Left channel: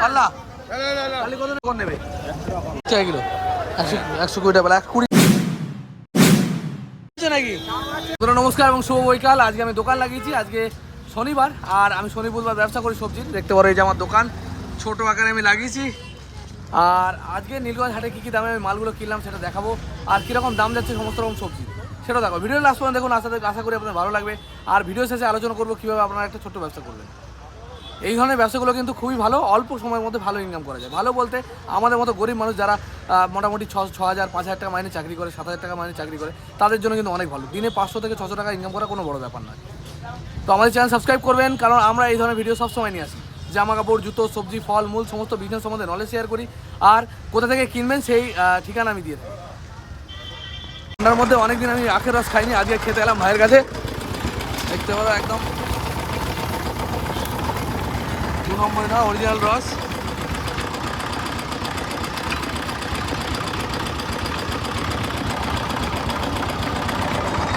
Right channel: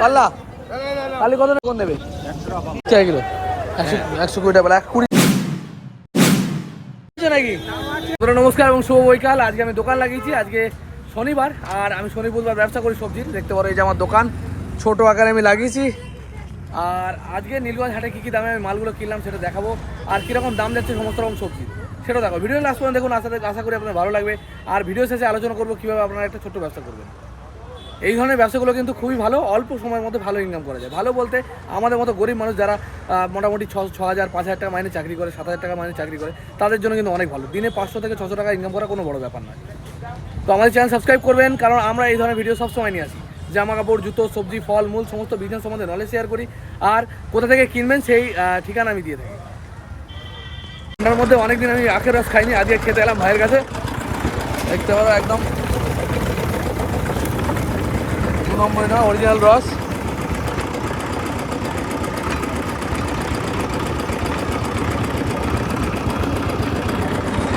পাল্লা কালি কত কোন নেবে 100 কিলো 120 টাকা 120 নাকি। নমস্কার এবং শুভ বৈকাল। আজকে আমি দোকান লাগিয়েছি, আজকে শনিবার আর আমি শনি বুধবার ব্যবসা করি সবজির। দেখতে পারো এই যে আমার দোকান ছোট আকারে আমি লাগিয়েছি। আর আজকে নীলগঞ্জ হাটে কী কী দামে আমি মালগুলো কিনলাম সেটা দেখাবো, আর কীরকম দাম যাচ্ছে সমস্ত রকম সবজি সেটাও দেখাবো। ভিডিও লাস্ট পর্যন্ত দেখুন, আশা করি আপনার ভালো লাগবে। আর ভিডিও শেষে আলোচনা করবো কীভাবে আপনারা একটা ছোট্ট ব্যবসা করবেন। এই ধরনের ব্যবসাগুলো কিন্তু খুবই ভালো, অল্প সময়ের মধ্যে ভালো ইনকাম করা যায়। ভালো বলতে আমাদের মতো গরিব মানুষ যারা মোটামুটি 6,000 5,000 টাকা মাইনে চাকরি করে, 7,000 টাকা মাইনে চাকরি করে, তাদের জন্য কিন্তু অনেক ভালো। দিনে 500 থেকে 600 টাকা ইনকাম করা কোনো বড় ব্যাপার নয়। তো আমাদের চ্যানেল সাবস্ক্রাইব করবেন, কারণ আমরা এই ধরনের ভিডিও সবসময় নিয়ে আসি। জামা কাপড়, জুতো, সবজি, ফল মূল সমস্ত বিজনেস সম্বন্ধে নলেজ শেয়ার করি, আর কোথা থেকে কিনবেন সেই ঠিকানা আমি দিয়ে থাকি। ঠান্ডার মধ্যে অনেকদিন আমি আখের রস খাইনি, আজকে খেতে এলাম ভাইয়ের কাছে। দেখতে পারো একদম 2 নম্বর না, অরিজিনাল রস।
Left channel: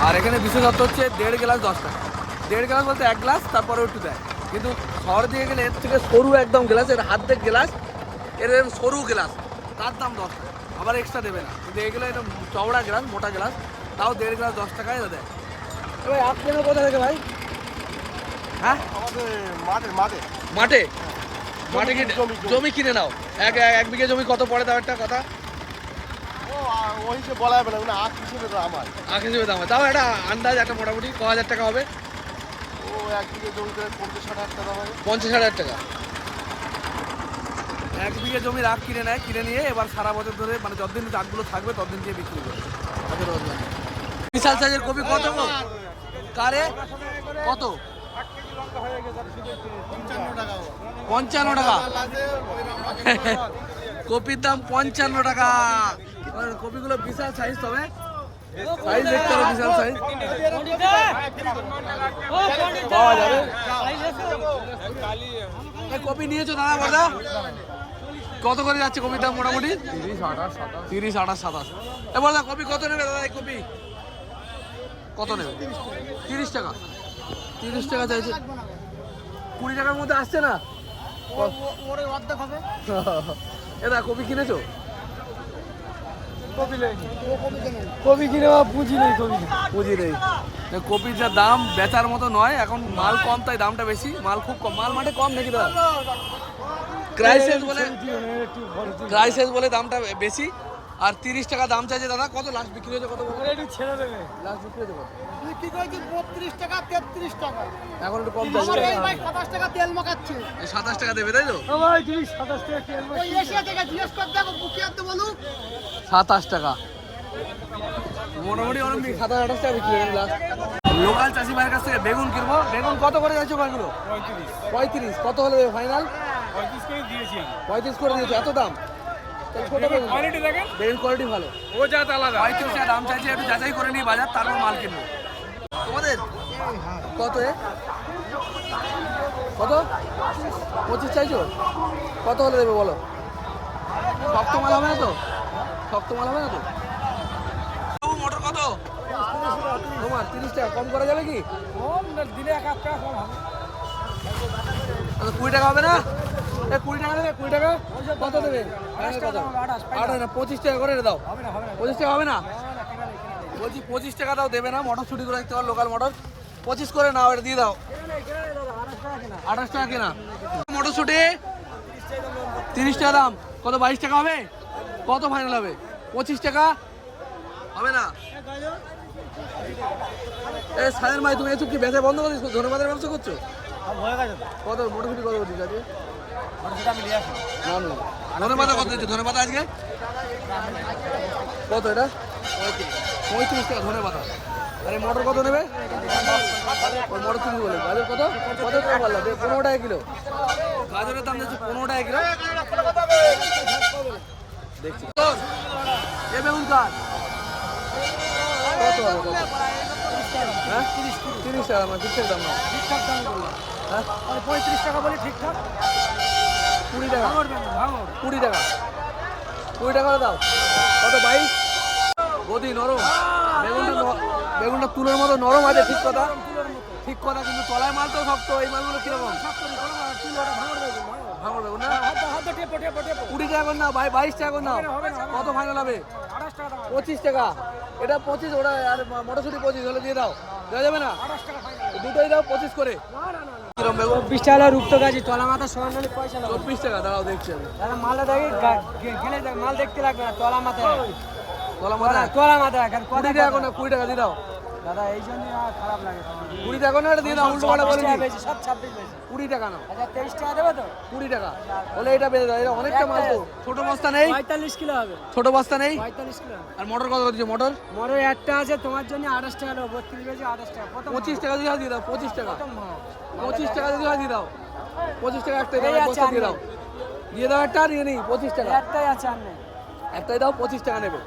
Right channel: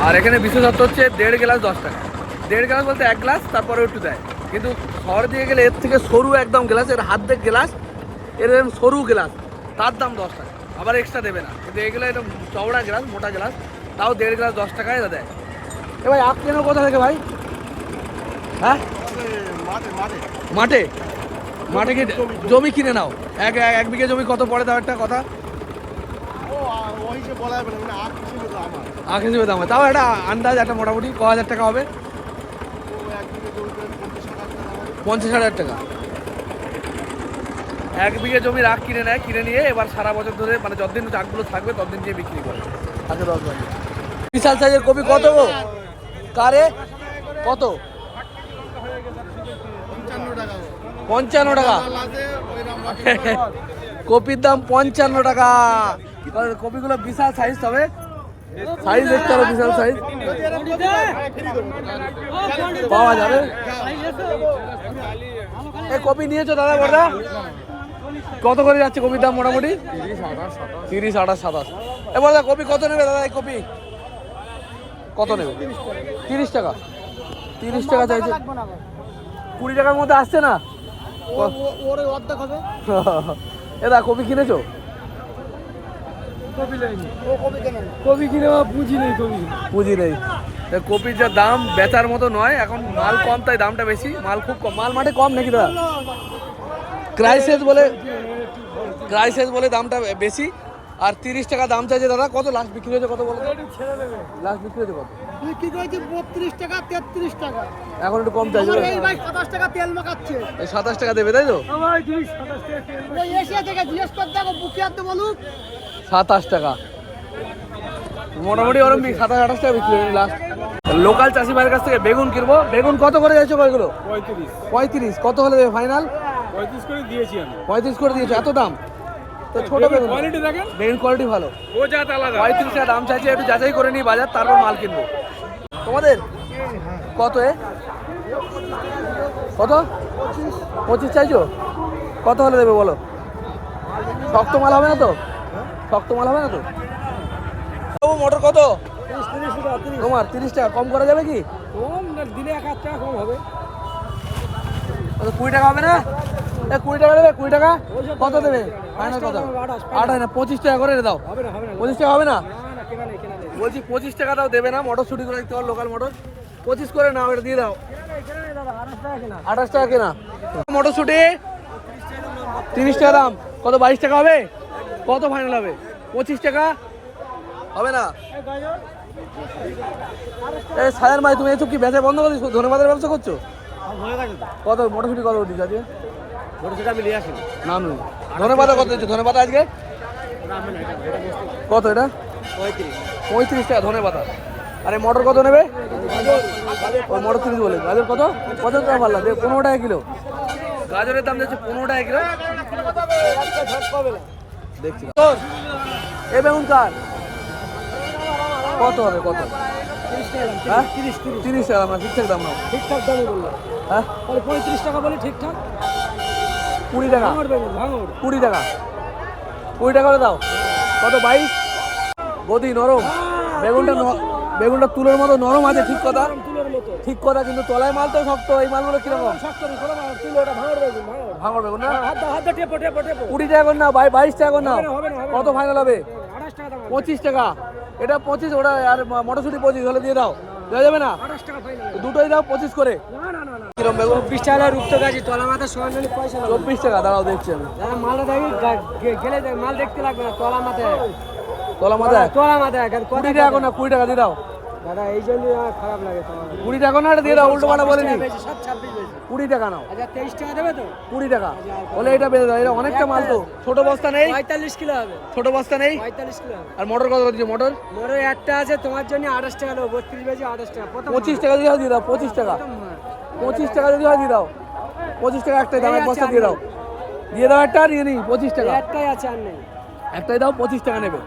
আর এখানে বিশেষত্ব হচ্ছে 1.5 গ্লাস 10 টাকা। 1.5 গ্লাস বলতে 1 গ্লাস, তারপরে একটু দেয়। কিন্তু শহর দিয়ে গেলে এর থেকে সরু একদম গ্লাস, এর হাত দেখ গ্লাস, এর সরু গ্লাস, তার দাম 10 টাকা, আবার এক্সট্রা দেবে না। কিন্তু এগুলো এটা চওড়া গ্লাস, মোটা গ্লাস, তাও 1.5 গ্লাস 10 টাকায় দেয়। এ ভাই আপ কেন কোথা থেকে ভাই? হ্যাঁ মাঠে মাঠে কি জমি কিনে নাও? এক বিঘে জমি কত পড়ে তাও একটা কথা? আখ হিসেবে দাম, তাও একটা আন্দাজ, একটা মোটামুটি ক হাজার টাকা হবে? 50,000 টাকা। 1 বিঘে জমির আখ কিনে নেয়, কিনে নিয়ে এবার সারা বছর ধরে, মানে যতদিন আখগুলো থাকবে ততদিন দিয়ে বিক্রি করে আখের রস বানিয়ে। বিশাল সাইজের কপি কত গো? কারে কত? 55 টাকা। কপির দাম 55 টাকা। কপিগুলো বিশাল সাইজ, তবে সাইজ দেখতে হবে, বিশাল সাইজ পাওয়া যাবে। এই কপি নিয়েছো দাদা বড়দা? কত করে যাচ্ছে কপির দাম মোটামুটি? 30, 28, 27। এবার দাদা কপি কত নেবে দাদা? এই কপি কত নেবে? 30 টাকা। 30 টাকা চাইছে, 20 টাকার মধ্যে আসছে না। এরা কপি কিনেছো? কপি কিনে পুঁজি নেই, পুঁজি নেই। কপির যা দাম বেচার মতো নয়, এখন মাল কম তাই দামটা বেশি। মাল খুব কম, মাল মাঠে কম নাকি দাদা? ক্রাইসিস বলে দামটা বেশি। আর 30 টাকা দাম চাইছে দাদা। কত লাস্ট বিক্রি হয়েছে কত বলো? লাস্ট বিক্রি হয়েছে কত? 32 টাকা 33 টাকা। এখন একটু কম চাইছে। 27 টাকা তেল মাখাচ্ছে। এই 27 টাকা দেবে তাই তো? 27 টাকা মোটামুটি ওরম 27, 28 টাকা বিক্রি হয়েছে লাস্ট। লোকাল চাষি ভাইয়ের কাছ থেকে বেগুন কিনবো। বেগুন কত করে যাচ্ছে কয়গুলো? 35। কত হলে দেবে ফাইনাল? 35 করে দিয়েছি আমি। 35 করে দিয়েছে, এত দাম? তো ছোট বেগুন, কোয়ালিটি দেখেন, বেগুন কোয়ালিটি ভালো। ও জাত আলাদা। 35 টাকা দাম চাইছে, একটু যাচাই করে নিই বাজার, তারপর মাল কিনবো। তোমাদের কত? কত? 25 চাইছো? কত হলে দেবে বলো? শক্ত মাল হবে না তো? শক্ত মাল হবে না তো? মোটর কত তোমার? 30 টাকা। কম করা যাবে কি? দিলে 1 টাকা কম হবে। 20 টাকা হবে না? 20 টাকা দেবে? 20 টাকা কত দেবে? 28 না, 25 টাকা করে দাও। 25 টাকা হবে না? বলছি 25 টাকা দাও, দেবে না? মটরশুটি করে রাখতে পারো, লোকাল মটর। 25 করে নাও, এটা দিয়ে দাও। 28 টাকা কেনা মটরশুটি, 30 টাকা দাম। কত? 22 টাকা হবে? কত ফাইনাল হবে? 25 টাকা হবে না? সায়ার ভাই, তুমি এইসব কি ব্যবসা বন্ধ করে দিচ্ছ? ধন্যবাদের ব্যবসা করছো? কত মটরশুটি কত দিচ্ছ আজকে? আমি নিয়ে আসি। ধন্যবাদ কত দিচ্ছ? ধন্যবাদ আজকে কত? এটা 35 টাকা ধন্যবাদ। আরে মটর কত নেবে? ওই মটর 30 বলে। গাজর কত? কত টাকা পারলা? 15 টাকা কিলো। গাজরের দাম যাচ্ছে 15 টাকা কিলো। দেখছি এ বেগুন কার কত হবে? কত? 30 টাকা না? ঠিকঠাক দাম না? ঠিকঠাক দামই বললাম। হ্যাঁ 35 টাকা বলে ঠিকঠাক। 20 টাকা। 20 টাকা 20 টাকা দাও। কত? 22। গদি নরম বেগুনটা, বেগুনটা তুলোর মতো নরম আছে, ঠিক কথা। মতো ঠিক কথা, কিন্তু তলায় মাল তো শক্ত, এই মালগুলো কিরকম? শক্ত নেই কোনো মাল, তুই ওটা ভাঙড় বেগুন ভাঙড়। ভাঙড় বেগুন না? হাত দিয়ে টেপো টেপো টেপো। 20 টাকা করে না ভাই, 22 টাকা করে নাও। হবে না, হবে না, কত ফাইনাল হবে? 28 টাকা দাম। 25 টাকা। এটা 25, ওটা আর মটরশুঁটি 25 হলে দিয়ে দাও, দেওয়া যাবে না? 28 টাকা ফাইনাল। দুটোই দাও 25 করে। না না না না। কিরম বেগুন? 24 টাকা রূপতো গাছি তলা মাথা সমান হলে পয়সা না। 24 টাকা, দাঁড়াও দেখছি আমি। হ্যাঁ মালটা দেখি গেলে দেখ, মাল দেখতে লাগবে না, তলা মাথায়। তলা মাথায় তলা মাথায় 20 টাকা করে না, 20 টাকা দিয়ে দাও। দাদা এই জন্যই আমার খারাপ লাগে তলা মাথায়। 20 টাকা না, এটা দিয়ে দাও, উল্টো মানে বলিনি। 26 বেশি। 20 টাকা নাও, আচ্ছা 23 টাকা দেবে তো? 20 টাকা বলে এটা বেঁধে দাও। এটা অনেকটা মাল তো। ছোট বস্তা নেই? 45 কিলো হবে। ছোট বস্তা নেই? 45 কিলো হবে। আর মটর কত দিচ্ছে? মটর মোটর একটা আছে তোমার জন্য 28 টাকা দেবো, 32 বেশি 28 টাকা। প্রথম 25 টাকা দিয়ে দাও। 25 টাকা, 25 টাকা যদি হয় দিয়ে দাও। 25 টাকা একটাই দাও, এক বস্তা দিয়ে দাও। দিয়ে দাও একটা, নিয়ে নি 25 টাকা। একটাই আছে আর নেই। একটাই দাও, 25 টাকা নেবে।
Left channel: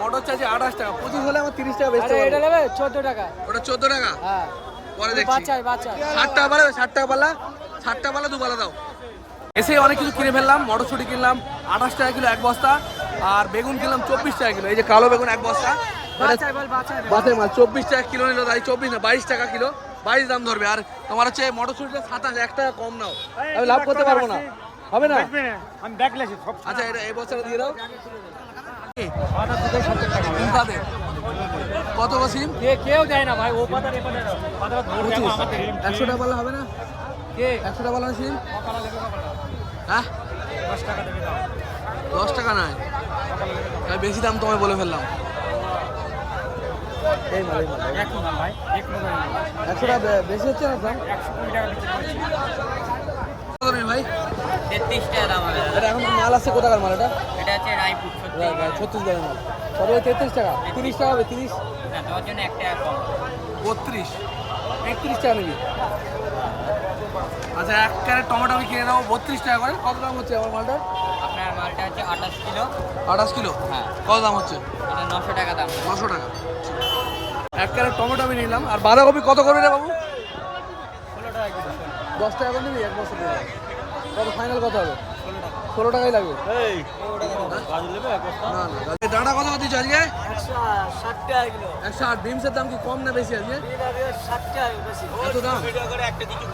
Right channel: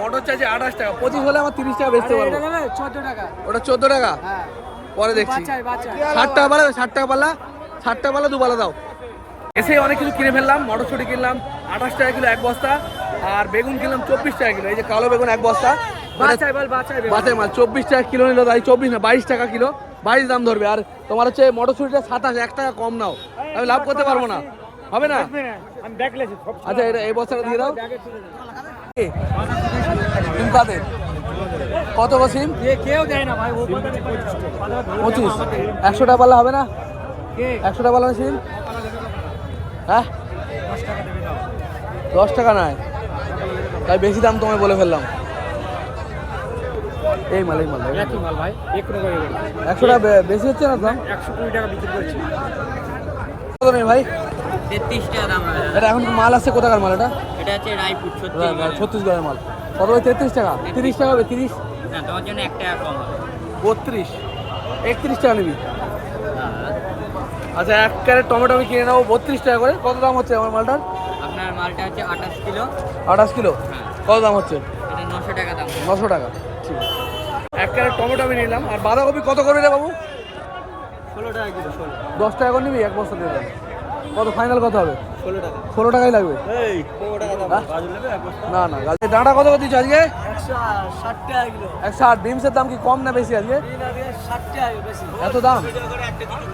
মটর চাইছে 28 টাকা, 25 হলে আমার 30 টাকা বেচতে এটা পারবো। নেবে 14 টাকা। ওটা 14 টাকা, হ্যাঁ পরে দেখছি। বাচ্চাই বাচ্চাই। 60 টাকা পালা, 60 টাকা পালা, 60 টাকা পালা দুবালা দাও। এসে অনেক কিছু কিনে ফেললাম। মটরশুঁটি কিনলাম 28 টাকা কিলো এক বস্তা, আর বেগুন কিনলাম 24 টাকা কিলো। এই যে কালো বেগুন এক বস্তা, বাচ্চাই বল বাচ্চাই বেগুন। বাটাই মাল 24 টাকা কিলো নিল, তাই 24 না 22 টাকা কিলো, 22 দাম ধরবে। আর তোমার হচ্ছে মটরশুঁটিটা 27, 1 টাকা কম নাও, আমি লাভ করতে পারবো না, হবে না? আমি দেখলেছি সব। আচ্ছা এটা এই বস্তাটা দিয়ে দাও। আগে তুলে দাও। এ, সিম কাদের? কত গো সিম? কেউ দেয় না ভাই, ও কথা নেই। 25, 100 টাকা পারলে হবে না? কে 100 টাকা পারলে সিম? হ্যাঁ 10 টাকা দেবে দাও। 10 টাকা নয়, তাই বেশি দাম তোমায় বলে ফেললাম। এই মাল এই মাল একটু মাল ভাই, একটু করে দেবে। 100 টাকা বেশি হচ্ছে না দাম? 120 টাকা বিক্রি করছি। কত নেই ভাই? 33 টাকা দাম হবে। এটা এখন মাল আছে কোথাকার মাল এটা? এটা হচ্ছে রায়পুর 36 ছত্তিশগড়ের মাল। কত ওই 33 টাকা? 30 টাকা হবে? 30, না তোমার জন্য 1 টাকা কম হবে। 32, 31 টাকা নিবি? আচ্ছা 1 ক্যারেট টমেটো আমি কিনে নেবো 32 টাকা করে। কত দাম হচ্ছে আমার মালটার? আপনার মালটা হচ্ছে 28 কিলো। 28 কিলো, হ্যাঁ কত দাম হচ্ছে? এটা 900 টাকা দাম। 900 টাকা, ঠিক আছে। 1 ক্যারেট টমেটো আমি নিলাম। আর বাঁধাকপি কত করবে রে বাবু? 16 টাকা কিলো 16। 10 টাকা করে নিবি, এক বস্তা দিয়ে দেবে। কত ফাইনাল কত হবে? 16 টাকা। 16 টাকাই লাগবে। এই হ্যাঁ? গাজর নেবে না না, ডাঁটা কত করে দিচ্ছ আজকে? 160 টাকা কিলো। 160। বিমসের দাম কি কম না বেশি আজকে? 60 টাকা বেশি। এত দাম,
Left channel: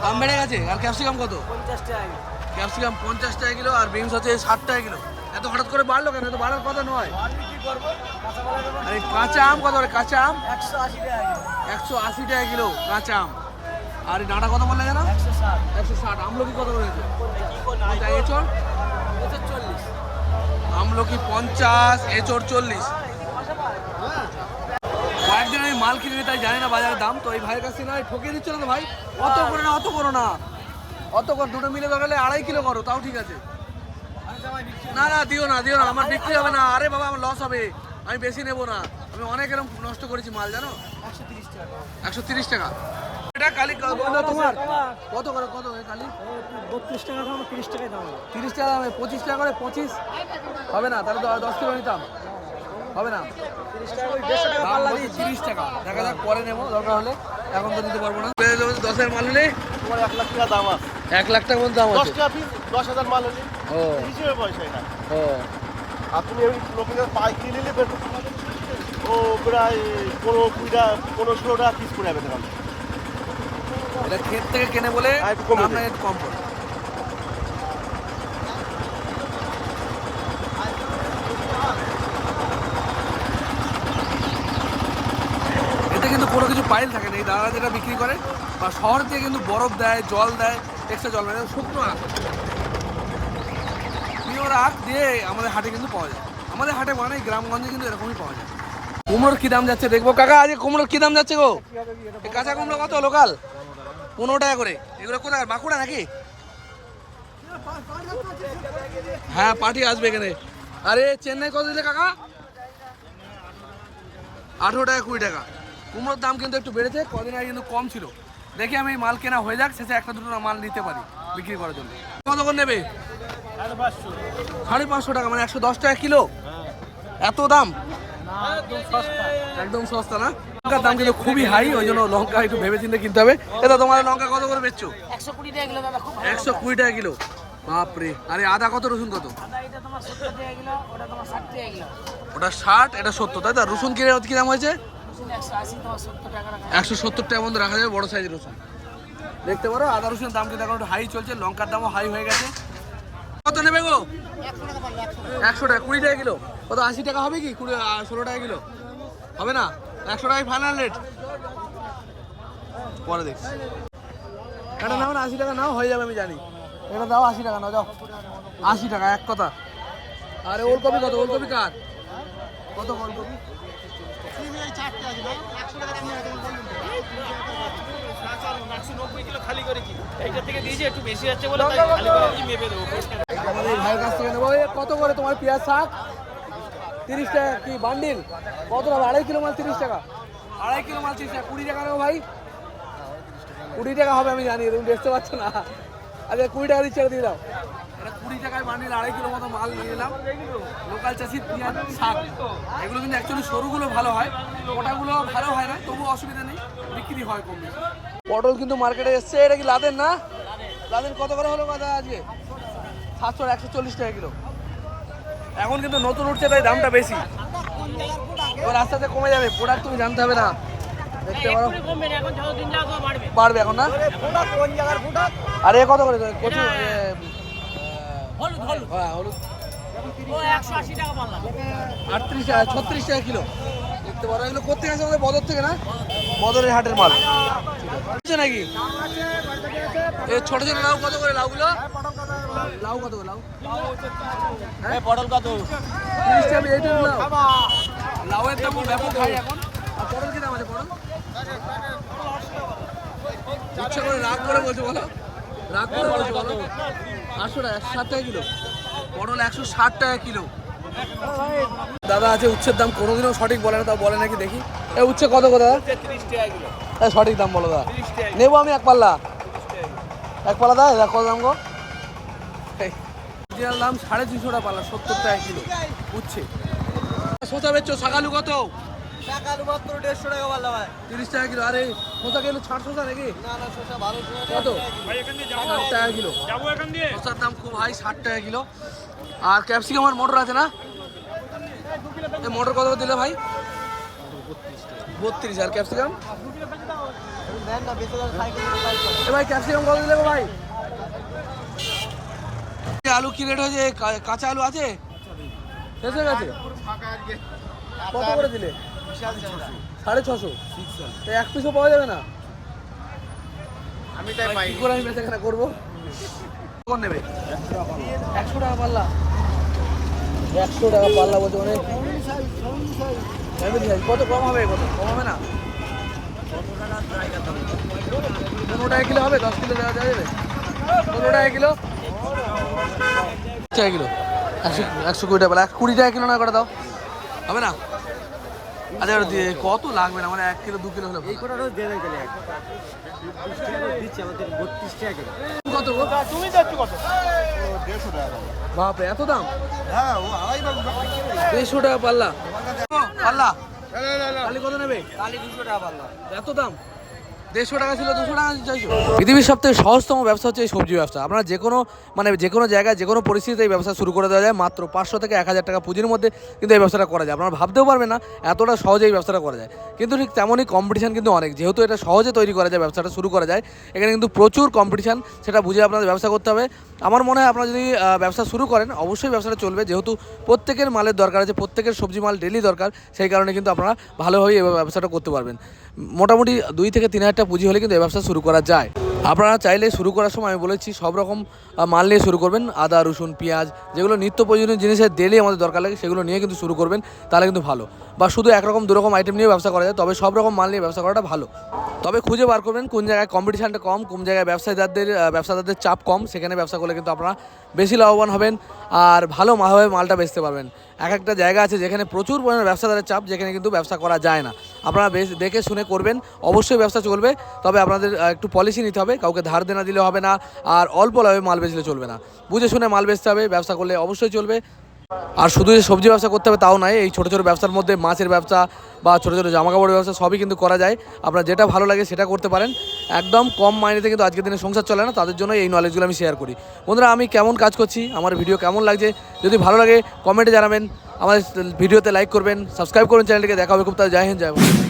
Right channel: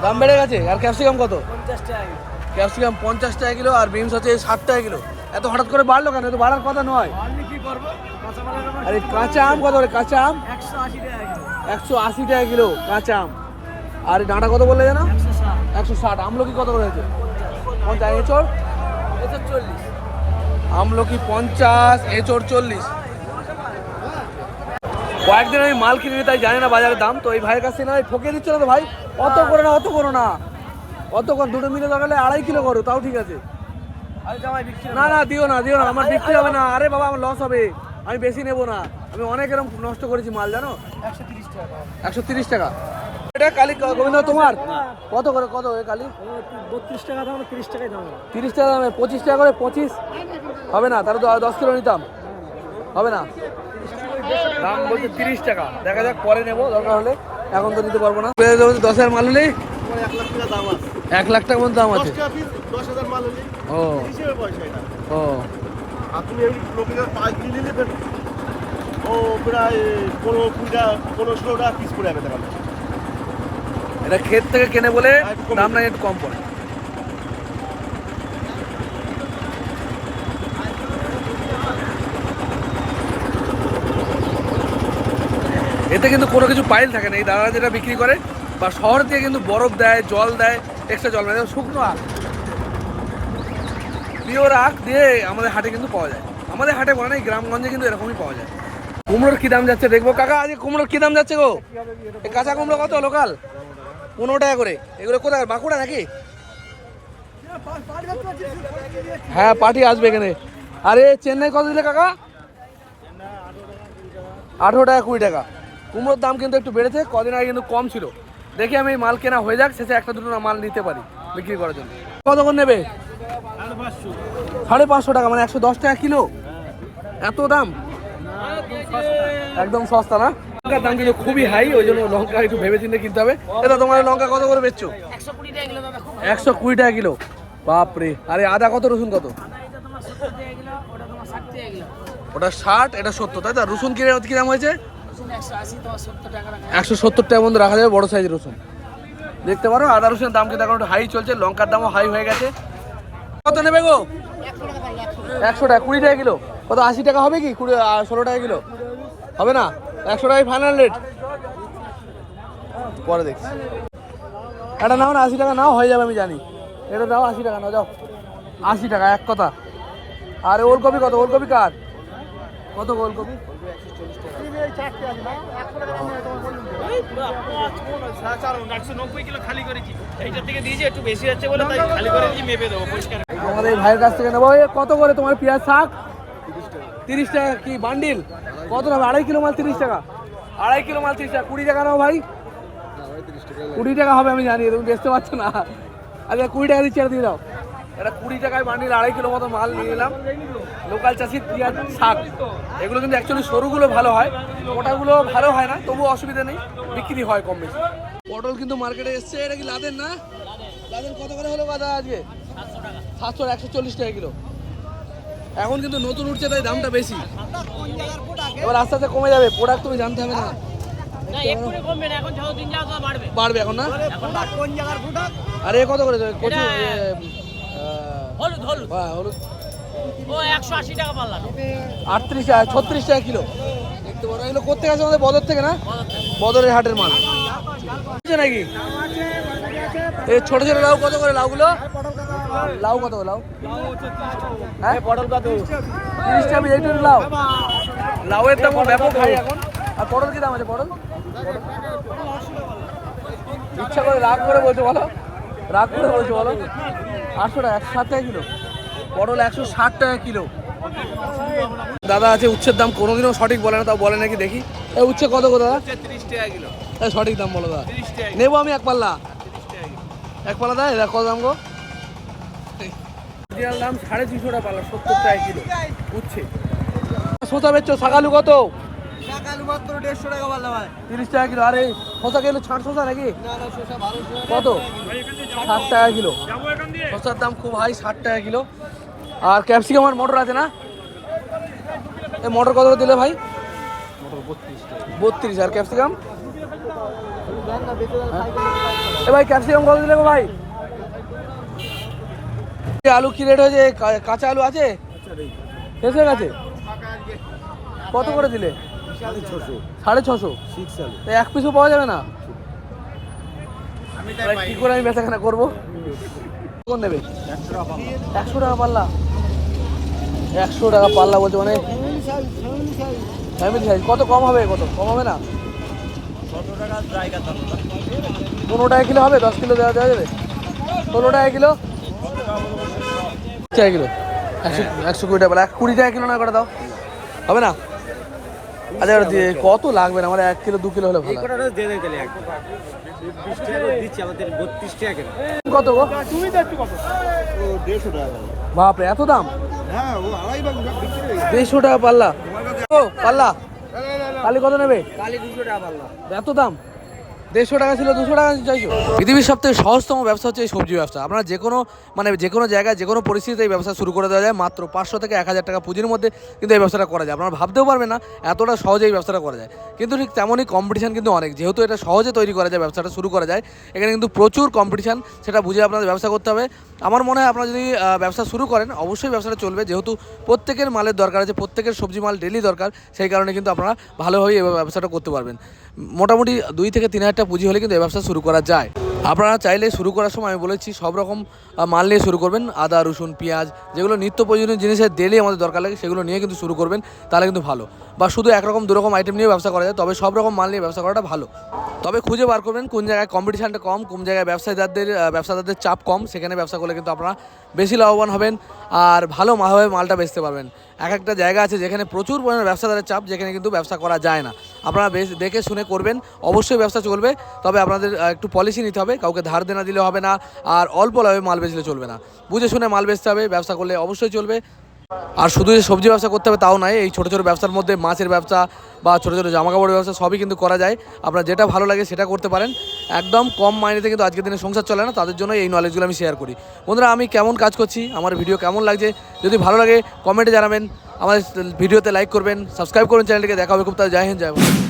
দাম বেড়ে গেছে। আর ক্যাপসিকাম কত? 50 টাকা কিলো। ক্যাপসিকাম 50 টাকা কিলো, আর বিনস হচ্ছে 60 টাকা কিলো। এত হঠাৎ করে বাড়লো কেন? এত বাড়ার কথা নয়। আপনি কি করবো? কাঁচা মালের দাম আরে কাঁচা আম কত করে? কাঁচা আম 180 টাকা কিলো। 180 টাকা কিলো কাঁচা আম। আর এই ডাঁটা কত বললে জানো? 160। 160। আমলকি কত করে হয়েছে? 50। এঁচড়? এটা 40। আমলকি 50, এঁচড় 40। কয়েকদিন আমি মাল কিনে তাই জানি না বাজারের দাম। তো এই ভাইয়ের কাছ থেকে না ঠকিয়ে দিচ্ছ না তো ভাই? অত করে না, অত করো না, অত কর। দুটো মিলে দরকার 2.5 কিলো করো, তাও ঠিক আছে। আরে জামাই বিক্রি না না, দিও না দিও না, আমার বিক্রি হবে না। আরে বাবা, আমার লস হবে, আমি বেশি নেবো না। আমি অনেক এরকম নষ্ট করেছি মাল, জানো। 130 টাকা। 130 টাকা। এটা কালি গোবিন্দ তোমার কত করে? কত ওই কালি? 32 টাকা দাম, 30 টাকাই দাম হবে। 30 টাকা দামে 25 টাকা করে। 25 হবে না, তাহলে তো 10 কিলো নিতাম। হবে না, দাম বলছে 30 টাকা। দেখা যাক, পরে নেবো দরকার হলে, এখন তো নিতে পারবো না। 10,000 মাল হলেই 1 লাখ টাকা দাম আছে। 1 লাখ টাকা মতো দাম আছে। 10,000 মাল হলে ও হিসেবে পয়সা এটা। ও, আর তুমি এমনি লোকেরা পাই কিনে নিতে ও প্রায় 15 টাকা 15 টাকা পিস করে যাবে টাকা। এটা ক্ষেত থেকে কেনে বলে দাম না একটু কম পড়ে। এতে কিন্তু কোনো কিছু পাইল থাকে না। এই দাদা যেটা বিক্রি করে বা শহর দিয়ে কিন্তু বরফ দেয়, জল দেয়, এক্সট্রা জল দেয়, শুকনো আখ, পিওর আখ দিয়ে আমাদের হাটে কিন্তু পাওয়া যায়। আমাদের হাটে বলে না, এই গ্রামগঞ্জে কিন্তু এরকমই পাওয়া যায়। কুমড়োর কি দাম যাচ্ছে দেখবো কাকা? আজকে কুমড়োর কি দাম যাচ্ছে গো? এই কাঁচা কুমড়ো কত লোকাল? 15 টাকা করে। এগুলো কোথায়, বাঁকুড়া নাকি? হ্যাঁ পার্টি আসবে এখানে। আরে চেন্নাই কত দিলে কাকা? 18 টাকা 20 টাকা। কুমড়োর দাম কিন্তু একটু বেড়েছে, কদিন আগে কিন্তু কম ছিল। দেখি আমি মাল কেনা হয়ে যাক, শেষে একটা দুটো মাল নিতে পারি বিক্রি করার জন্য। কত করে নেবে? 550 টাকা, মানে 110 টাকা কিলো। এত দাম? একদম সস্তা না। লঙ্কার দাম কিন্তু খুবই হাই, ওই জন্য লঙ্কা একটু ভেবে চিন্তে কিনতে হবে। এটা তোমার লঙ্কা কত করে বেচছো? 120 টাকা কিলো দাদা, খুব 120 টাকা কিলো, বাপরে। আরে আদা কত, রসুন কত? আদা এটা তোমার 70 টাকা কিলো, ওটা তোমার 60 টাকা কিলো। ওটা 60, এটা 70, তাই তো? রসুন কি দাম হয়েছে? 180 170 টাকা বন্ধু রাখা যাবে বড় সাইজের রসুন। দেখতে পারো আদা রসুনের দাম কিন্তু এখন একটু হাই চলছে, লঙ্কার দামও হাই হয়ে গেছে। কত নেবে গো? 100 টাকা, 20 টাকা কিলো। কত 80 টাকা হবে কি? 16 টাকা কিলো হবে না? 100 টাকায় ফাইনাল রেট। পরে দেখছি, এটা নাও না, 80 টাকা নাও, হয়ে যাবে আমি জানি। এটা দাও 80 টাকা নাও, যাও 80 টাকা এক কথা। আর ওলকপি কত? ওলকপি কার কত? ওলকপি আমাদের ভাইয়ের কাছ থেকে নেবো। কত করে তোমার পেঁয়াজ শাক? 30 টাকা কি বান্ডিল? কত হবে? 2.5 কিলো মাল 30 টাকা। 2.5 কিলো মাল 30 টাকা। 20 টাকা নাও ভাই। 20 টাকা হবে আমি জানি, তুমি দেখতে পাচ্ছ না। আচ্ছা 20 টাকা দিচ্ছি, আর দিয়ে দাও। এটা 20 টাকায় বান্ডিল 2.5 কিলো মতো মাল নিয়ে এলাম। লোকাল চাষির পেঁয়াজ শাক, এগুলো কিন্তু অ্যাকচুয়ালি সরুগুলো ভালো হয়, ওটাগুলো ভালো হয় না, তবু অসুবিধা নেই, বিক্রি হয় কম বেশি। পটল কিন্তু মার্কেটে এসছে। এটা কি লাদেন না? লাদেন কত করে হলো কথা আজকে? 700, 140 টাকা কিলো। এখন কিন্তু নতুন উঠছে তাই দামটা বেশি, এবার আস্তে আস্তে কমে যাবে। প্রোডাক্ট তুমি জানতে হবে না, দেখতে পারো বাড়বে এখন না। আরে কত করে কচু? হ্যাঁ হলুদ 180 টাকা পাল্লা। 38 টাকা, 36 টাকা কিলো। দেখতে পারো এগুলো কোথেকে আছে? আমাদের বদর থেকে না? বদরের হাটের মাল নাকি? এই ছোট ছোট লাউ কত করে? লাউগুলো লাউ কত? লাউ হ্যাঁ পটল কত? 30 টাকা। এই লাউ, লাউয়ের দাম ব্যাপক হাই এখন। আর পটল কি দাম আছে? পটল ইচ্ছা করে রাগ করে বলছো বলো, রাগ করে বলছো বলো। 800 টাকা, 160 টাকা কিলো। পটল 160 টাকা কিলো। দাদা আছে উচ্ছের দাম কোনোদিনও সঠিক বলে না, তাও বলে নাকি দেখি। এই উচ্ছে কত করে দাদা? 30 টাকা কিলো। সঠিক দাম বলো দাদা, নেবো আমি এক পাল্লা। এক পাল্লা দেয় কত দাম গো? দাম 250 টাকা পাল্লা, 70 টাকা কিলো উচ্ছে। শসা বেচছো? শাকালু কত? 150 টাকা পাল্লা ভাই। 30 টাকা কিলো। আরে শসা কিলো ছাড় শসা নাকি? কত? 60 টাকা কিলো। শসার দাম খুব হাই, 60 টাকা কিলো। আর ক্যাপসিকাম আর মটর আছে না? এই মটর কত দিলে ভাই? 32। আর ক্যাপসিকাম? এ ভাই ক্যাপসিকাম কত দিলে ভাই? আলু কি রেট হয়েছে? কাঁচা আলু আছে? শেষ হয়ে গেছে? কত করে দিলে? 650। এক পিসও পাওয়া যাবে না? কি করে আমি বেচাকেনা করবো? কোন নেবে? 100 টাকা পাল্লা। 100 টাকা পাল্লা বলতে মানে ফ্যামিলি সাইজ। কত কম হবে? কত কম হবে না? 15 টাকা কিলো হবে? 10 কিলো দেওয়া যাবে? 16 টাকা কিলো। টাকা কিলো 120 টাকা পাল্লা। 20 টাকা কিলো না করে দাও, হবে না? আচ্ছা কত লাগবে না? আমার 1 কিলো 2 কিলো হলে ভালো। কত গো? বাপরে এত দাম? 150 টাকা পাল্লা। পাল্লা কালি কত নেবে? 200 টাকা পাল্লা। এত দাম? 150 টাকা ছিল 200 টাকা চাইছো? পৃথিবীর সবথেকে সহজতম ব্যবসা হচ্ছে এই সবজি ব্যবসা। আপনারা যে কোনো জায়গায় যে কোনো পরিস্থিতিতে এই ব্যবসা শুরু করে দেওয়া যায়। মাত্র 500 থেকে 1000 টাকা পুঁজির মধ্যে কিন্তু এই ব্যবসাটা করা যায়। আপনারা ভাবতেও পারবেন না এতটা সহজে এই ব্যবসাটা করা যায়। কিন্তু ঠিক তেমনই কম্পিটিশান কিন্তু অনেক। যেহেতু এটা সহজে তৈরি করা যায়, ব্যবসাটা শুরু করা যায়, এখানে কিন্তু প্রচুর কম্পিটিশান। সেটা বুঝে আপনাদের ব্যবসা করতে হবে। আমার মনে হয় আপনারা যদি ব্যবসা শুরু করেন অবশ্যই ব্যবসাটা চলবে, যেহেতু প্রত্যেকের মালের দরকার আছে, প্রত্যেকের সবজি মাল ডেলি দরকার। সেই কারণে কিন্তু আপনারা ভালোভাবেই এই ব্যবসাটা করতে পারবেন। মোটামুটি 2 থেকে 3 হাজার টাকা পুঁজি হলে কিন্তু এই ব্যবসা শুরু করা যায়। আপনারা চাইলে শুরু করার সময় আমি বলেছি সব রকম মাল নিয়ে শুরু করবেন। আদা রসুন পেঁয়াজ যেগুলো নিত্য প্রয়োজনীয় জিনিসের ডেলি আমাদের দরকার লাগে, সেগুলো নিয়ে কিন্তু শুরু করবেন, তাহলে কিন্তু ভালো। বা শুধু একরকম দুরকম আইটেম নিয়ে ব্যবসা করা যায়, তবে সব রকম মাল নিয়ে ব্যবসা করাটা ভালো। তবে খুঁজে বার করবেন কোন জায়গায় কম্পিটিশানটা কম, কোন জায়গায় ব্যবসাদারদের চাপ কম, সেখানে ব্যবসা করলে কিন্তু আপনারা বেশি লাভবান হবেন আর ভালোভাবে মালটা বেচতে পারবেন। একটা জায়গা আছে যেখানে প্রচুর পরিমাণে ব্যবসাদারের চাপ, যেখানে কিন্তু ব্যবসা করা যায় না। আপনারা বেশ দেখে শুনে করবেন, অবশ্যই ব্যবসা চলবে। তবে আপনাদের একটু পলিসি নিতে হবে, কাউকে ধার দেনা দিলে হবে না, আর অল্প লাভে মাল বেচলে চলবে না। বুঝে শুনে মাল বেচতে হবে, ব্যবসা করলে অবশ্যই চলবে। আর শুধু যে সবজি ব্যবসা করতে হবে তাও নয়, এই ছোটো ছোটো ব্যবসার মধ্যে মাছের ব্যবসা বা ছোটো ছোটো জামাকাপড়ের ব্যবসা সবই কিন্তু করা যায়। আপনার যেটা ভালো লাগে সেটা করতে পারেন। একদম কম মাইনেতে কিন্তু আজকের দিনে সংসার চলে না, তাদের জন্য এই নলেজগুলো আমি শেয়ার করি। বন্ধুরা আমি কেমন কাজ করছি, আমার ভিডিও কেমন লাগছে, যদি ভালো লাগে কমেন্টে জানাবেন, আমাদের ভিডিওতে লাইক করবেন, সাবস্ক্রাইব করুন চ্যানেলটিকে। দেখা হবে খুব তাড়াতাড়ি। জয় হিন্দ, জয় ভারত।